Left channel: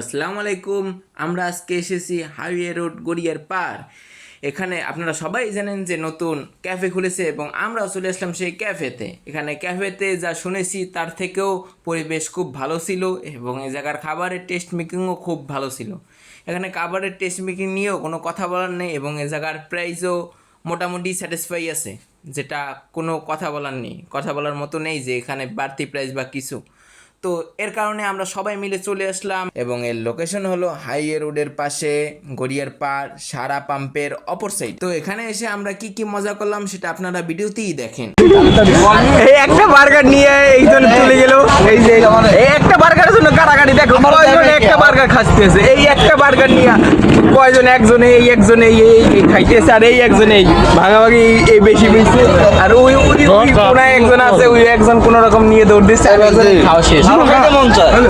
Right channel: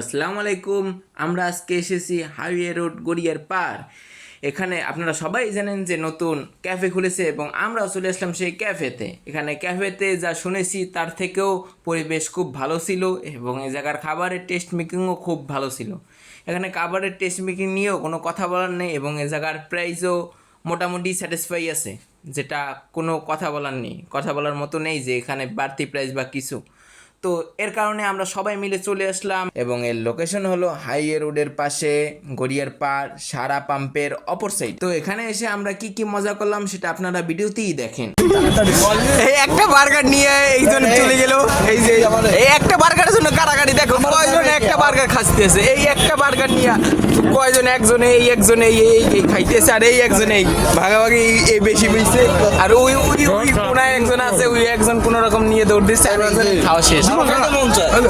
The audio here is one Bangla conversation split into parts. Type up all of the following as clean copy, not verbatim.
আসসালামু আলাইকুম। আমরা আজকে এসেছি হাইওয়ে রোড গড়িয়ার পার। এখানে আপনারা সবাই জানেন যে নতুন ক্যাফে খুলেছে এবং আমরাও চলে আসলাম সেই ক্যাফেতে। এখানে ক্যাফেতে যা শুনেছি তার থেকেও পরিবেশ খুব ভালো ছিল এবং এই জায়গার খাবারের টেস্ট মেকিংও খুব ভালো ছিল। এখানে খাবারের টেস্ট মেকিং নিয়েও কোনো কথা বলার নেই এবং এই জায়গার প্রাইসও মোটামুটি স্যাটিসফাই আছে, যেটা কোনো কথা বলার নেই, কথা বলার মতো নেই যে এখানে বাড়তি প্রাইস বা কিছু। তো এর কারণে আমরা সবাই মিলে চলে আসলাম এবং এর লোকেশন হলো হাইওয়ে রোডের পাশে গড়িয়ার পার সারা পাম্পের অপর সাইড। তো এখানে এসে আমরা কি কি মজা করলাম সেটা আপনারা ভিডিওতেই দেখেন। এই একটা বার্গার নিয়ে এইজন চলে গেল। এই যে এই একটা বার্গারের জন্য কারাগারি দেখো, কয়জন একটা বার্গার খাইতেছে। এই একটা বার্গার নিয়ে কয়জন, একজনে এই একজনে এই খাইতেছে আর এই একজনে এই ভাগাভাগি এই বেশি বেশি। আর ওই ওই ওই কোনায় একজন আছে, ওই একজন কোন রকম নিয়ে দৌড় দিচ্ছে আর একজন খাওয়া শেষ।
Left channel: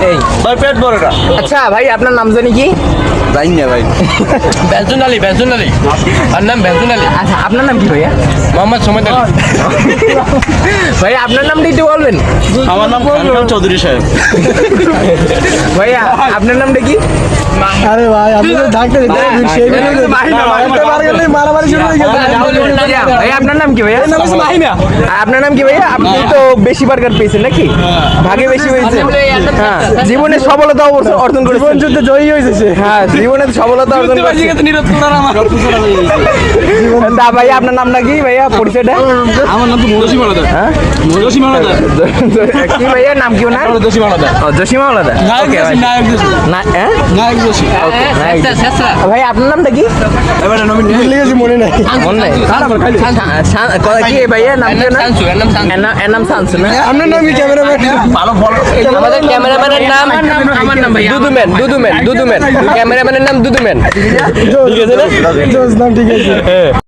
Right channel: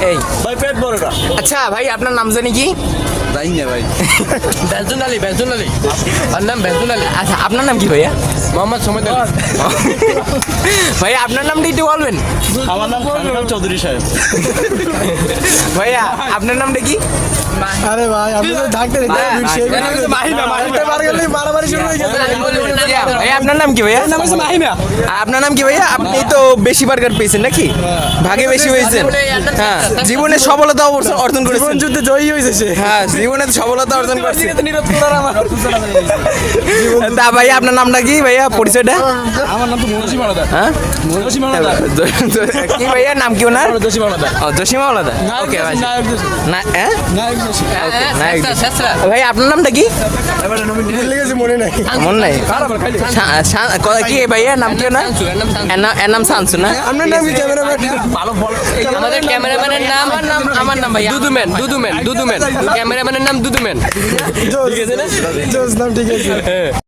এই ভাই পেট ভরে না। আচ্ছা ভাই, আপনার নাম জানি কি? জানি না ভাই। বেলচুন আলী আর নাম বেলচুন আলী। আচ্ছা, আপনার নাম কি ভাইয়া? মোহাম্মদ সোমেদ আলী। ভাইয়া আপনার নামটা একটু বলবেন? আমার নাম খান চৌধুরী সাহেব। ভাইয়া আপনার নামটা কি? আরে ভাই আপনি তো থাকতে মারামারি শুরু হয়ে গেছে। ভাইয়া আপনার নাম কি ভাইয়া? আপনার নাম কি ভাইয়া? আপনি তো বেশি বার্গার পেয়েছেন নাকি? ভাগে বেশি হয়েছে। হ্যাঁ, জীবনে সফলতা অর্জন করেছেন। যুদ্ধে জয়ী হয়েছে সে। হ্যাঁ, জীবনে সফলতা অর্জন করেছেন। তা ভাইয়া আপনার নামটা কি ভাইয়া, পরিচয়টা? আমার নাম তো মদসী মালাদা। হ্যাঁ, মদসী মালাদা। কি ভাইয়া নাম কি ওনার? মদসী মালাদা। ও, জসিমা আলাদা। ওকে ভাই। নায়ক দোষী। না, হ্যাঁ? নায়ক দোষী। ভাই আপনার নামটা কি? এবারে নমিন ভুলে গেছি, মনে নাই। মনে নাই? কি ভাইয়া নাম কি ওনার? এর নাম শামসু না? আপনার নাম কি ক্যামেরাম্যান? ভালো ভালো। আমাদের ক্যামেরাম্যানের নাম আমার নাম ভাই দুদুমেন। ক্যামেরাম্যানের নাম দুদুমেন। ঠিক আছে না? ঠিক আছে।